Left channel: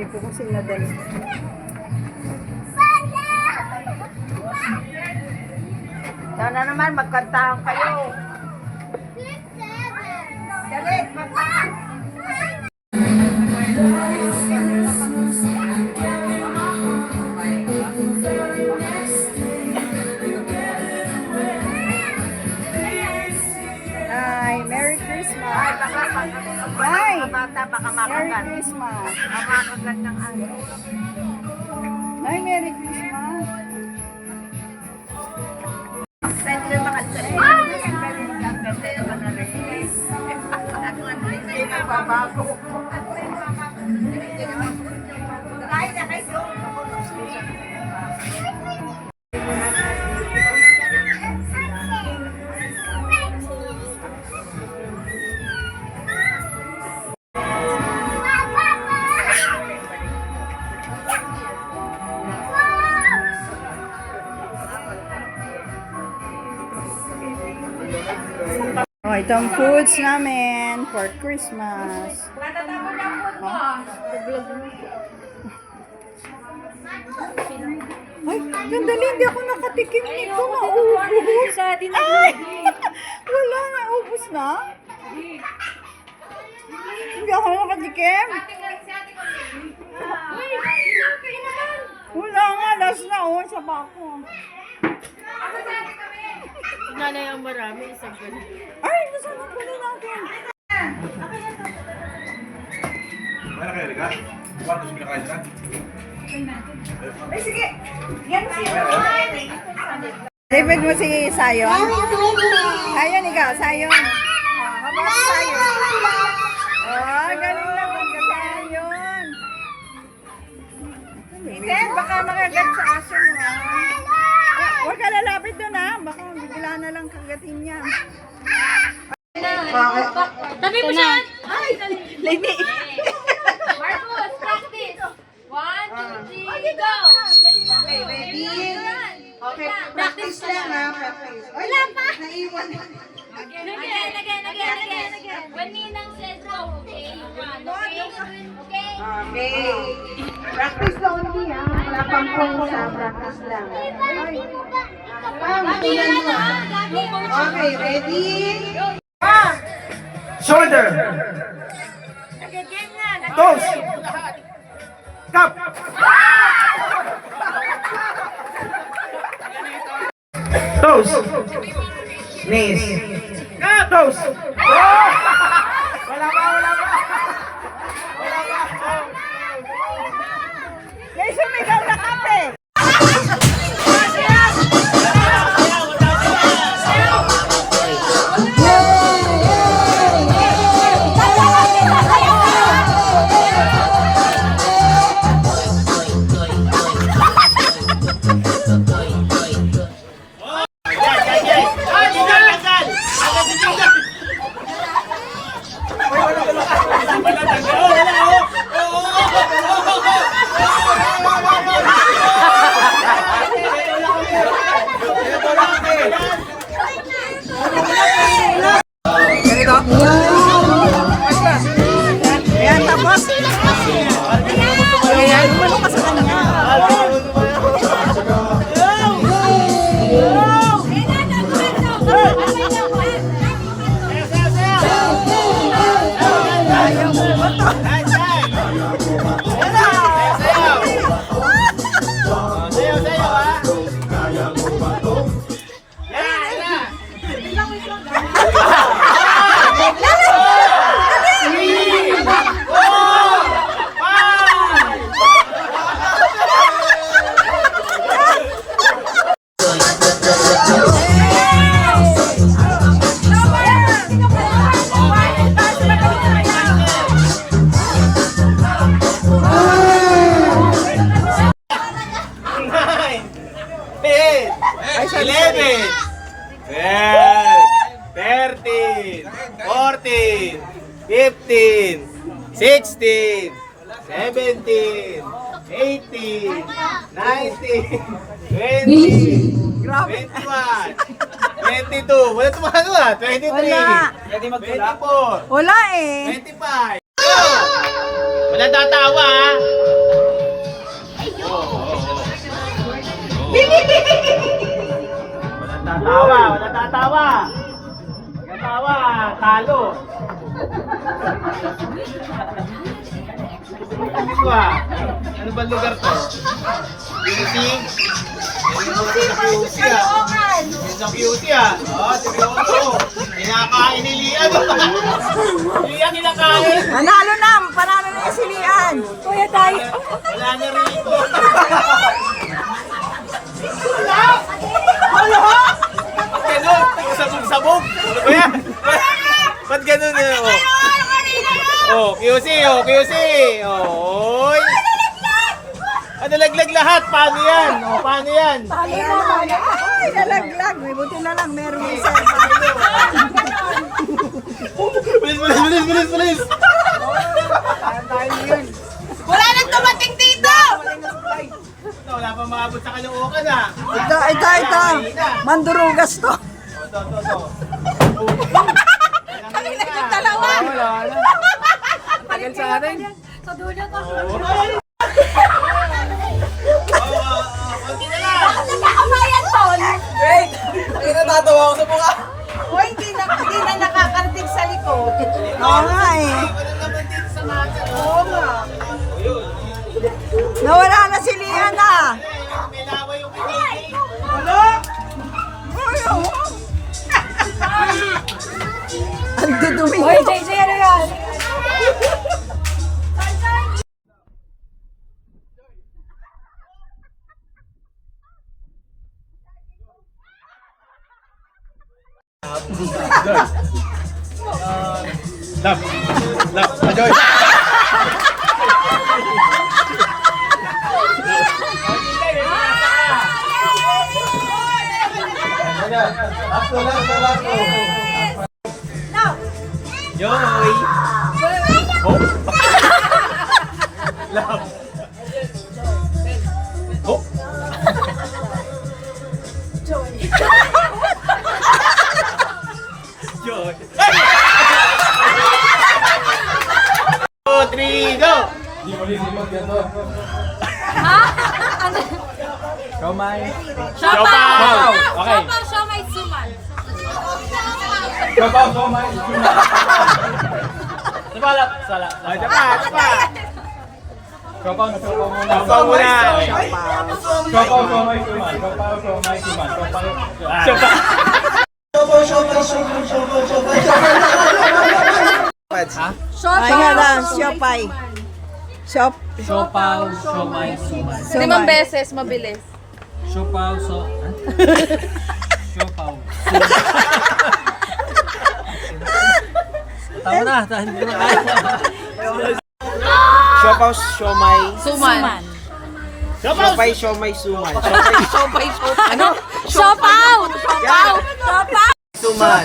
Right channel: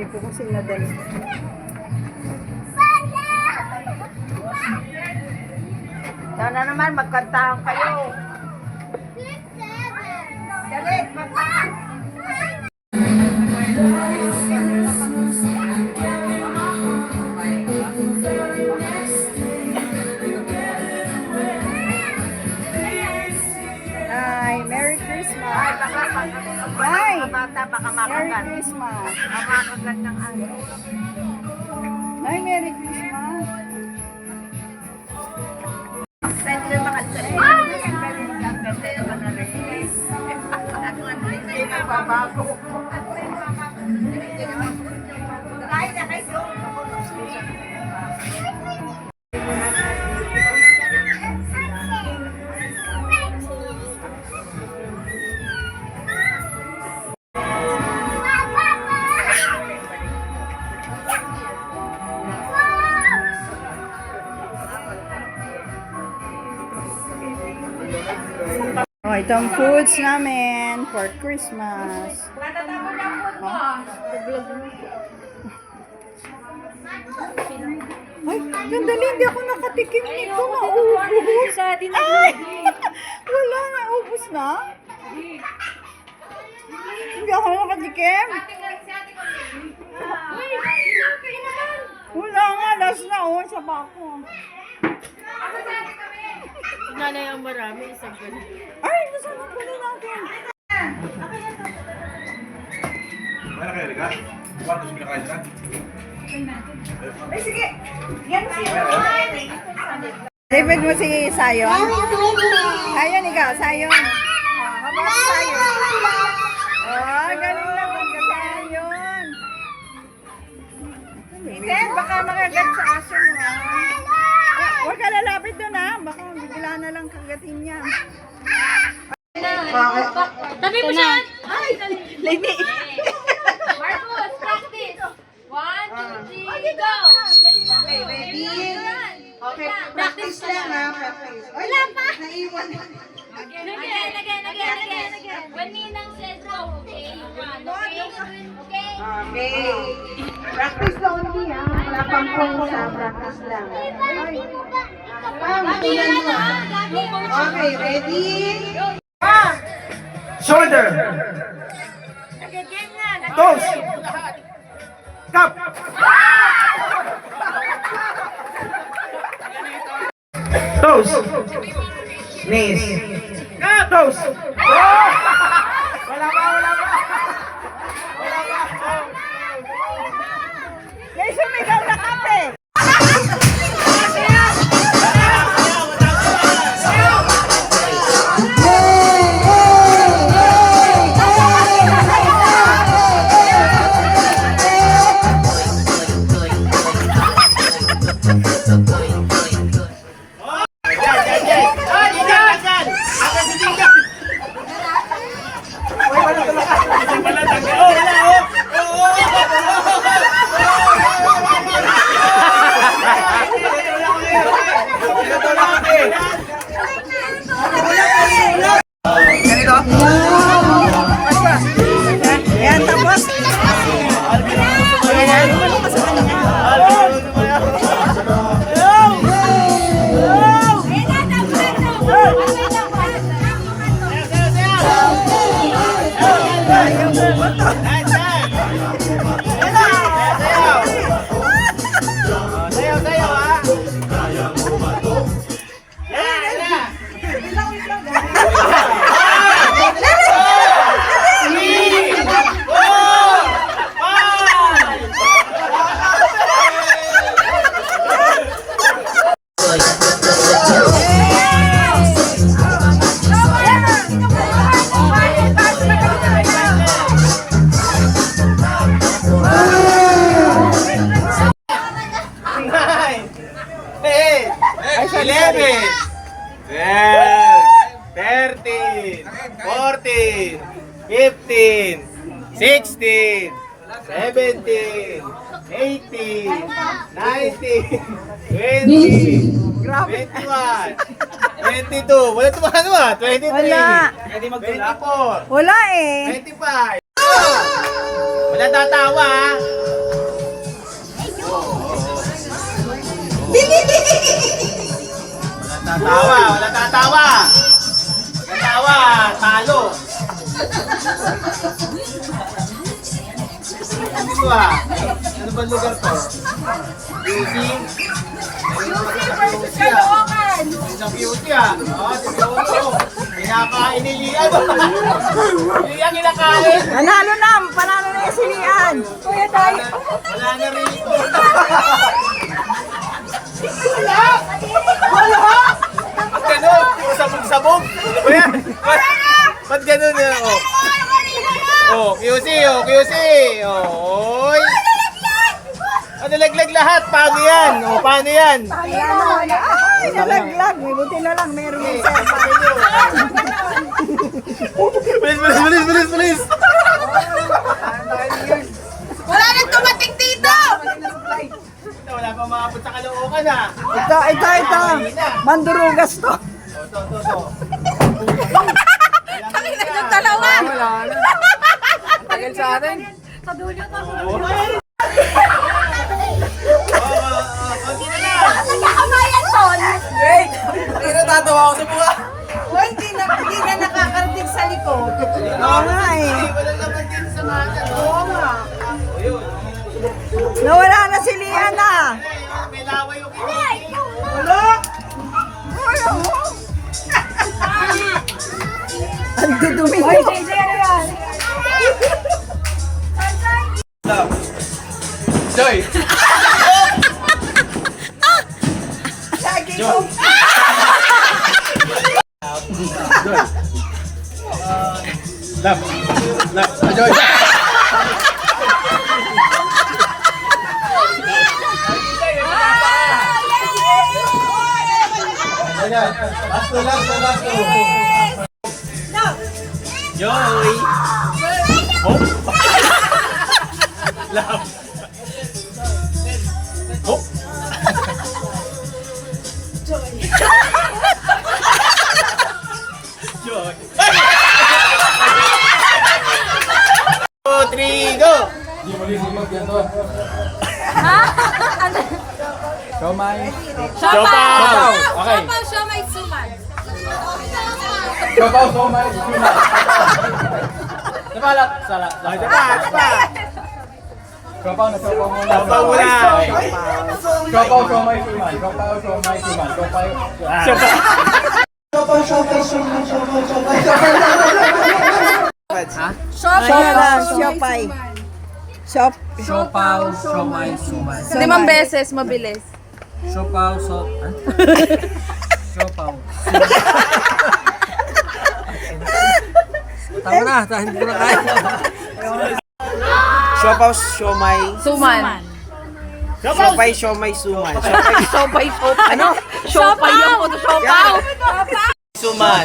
Hindi ko kasi nadala. Sana naman magkantahan kayo. Dali, magkantahan. Hi, Merry Christmas. Ay, baka Merry Christmas. Makagat ng ano. Hi, Merry Christmas. Pwede na makasal. Ay, ang galing lang. Pwede naman na rin. Hindi na babago. Kain na kayo. Oh, ito ang foods namin for Christmas. Matatapon na food mo. Ay, sandali, hindi ako nakatikim nito. Naubos. Ay, wala, naubos na. Hindi ako nakatikim. Wala nga, last na. Oh, sa bako. Nanay ang marami, isang ganun. Ay, nasama ko na natin. Mana kayo, Rika? Paano sa pinakain ka? Ay, sige. Yan siya. David mo si Sayon? Sayon, ikaw. Sayon. Habang si Sayon. Oh, galing lang ang Sayon. Iten, baka makagat sa aso mo. Huwag ka lalapit doon ha. Baka bigla na lang kagatin niya. Tabi mo siya! Lini. Marcos, practice! 1, 2, 3, go! Okay, ready? Okay, practice lang ha. Practice. Wala pa. Naiwan. Again. When Ninang says go, okay? Okay? Okay. Practice lang only ha. Wala pang sa practice lang. Okay, ready? Shoulder! Toes! Cup! Toes! Knees! Toes! Wala pa! May sumigaw na kape. Ayan, tapos. Ayan, umano ka sa kanya. Ayaw mo ba ito? Ay, sorry, 11, 12, 13, 14, 15, 16, 17, 18, 19, 20, 21, 22. Wala tumano ah. 23. Wala. 24. Wala eh. 25. Wala tatawa ah. Wala tatawa. Tatawa, talo. Sabi ko ano bang lugar to? QC? Sa QC Oo, seryoso. Kinakain ni Lian. Lian kinakain. Panalo na yung silian. Kuya tayo. Wala na rin ito. Ba't ganun? Sabog-sabog. Kuya, ba't ganun? QC, QC. Oy. Nalaglag lahat. Paano yan? Paano yan? Nalaglag. May buti na lang. Meron yung cellphone. Bilis. Wala nang tumating dito! Wala pa maabot sa Caloocan Ito. Mandurugas to. Kami na yung dalawa. Wala na. Tagal sa atin. Sa dulo to. Nagkakamayan to. Wait! Ay, natatawa ako sa mukha. Hindi na nakakarating sa likod. Oo nga eh. Oo nga. Nawala na si Liana. May laway yung kinikik. Wala! Ang dudumi mo. JJ, ano yan? Joy! Joy! Joy! Hop! Love! Hop! Joy! 2, 3, go! Di mo lisimag yan to. Siomay. Siopaw! Okay. Siya may suman. Siopaw, siomay, siomay. Napalap! Sala! Siopaw na siopaw muna. Siopaw muna. Siopaw, siomay, siomay. Siopaw, siomay, siomay. Siopaw. Ay nga lang, siopay. Siopaw, siomay, suman. Limang beses, mabilis. Siopaw, siopaw. Tama na, hindi ko na kaya. Siopaw, siomay, Suman. siopay, siomay, suman. Siopay, ano? Siopaw! Yan. Suman.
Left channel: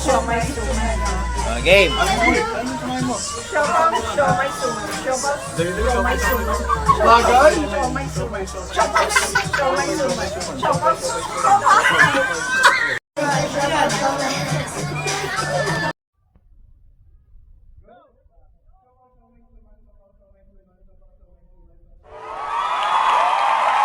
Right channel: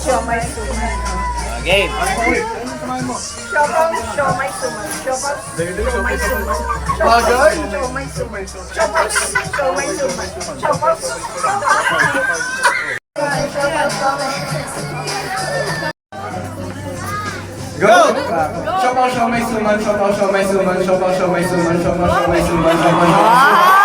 Siomay. Game! Siopaw, siomay, suman. Siopaw, siomay, suman. Bagay. Siomay, suman. Siopaw, siomay, suman. Siopaw, Go! Siopaw, siomay, suman. Siopaw, siomay, suman. Siopaw, siomay, suman. Siopaw, siomay, suman.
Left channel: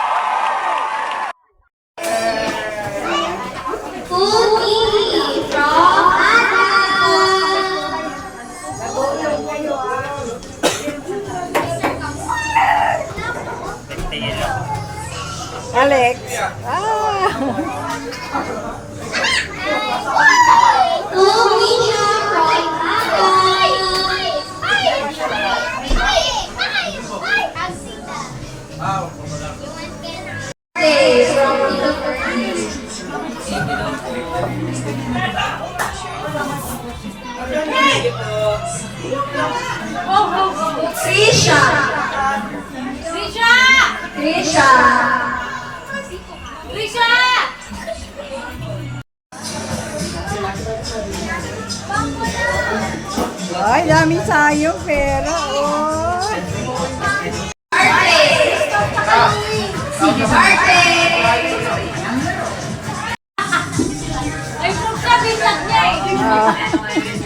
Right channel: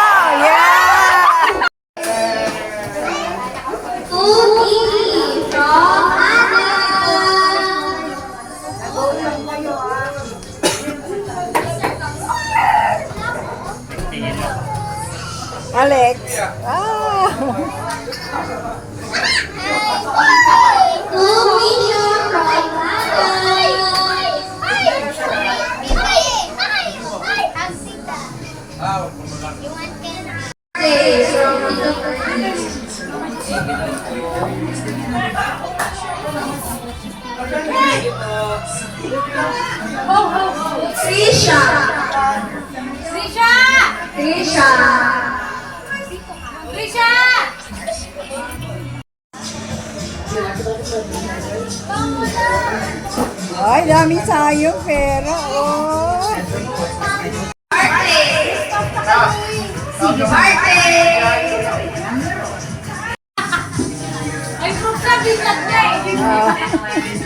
Alex. Ah. Trisha! Trisha! Trisha! Ay, dami sayong pera. Oh. Ay, Sulat niya eh.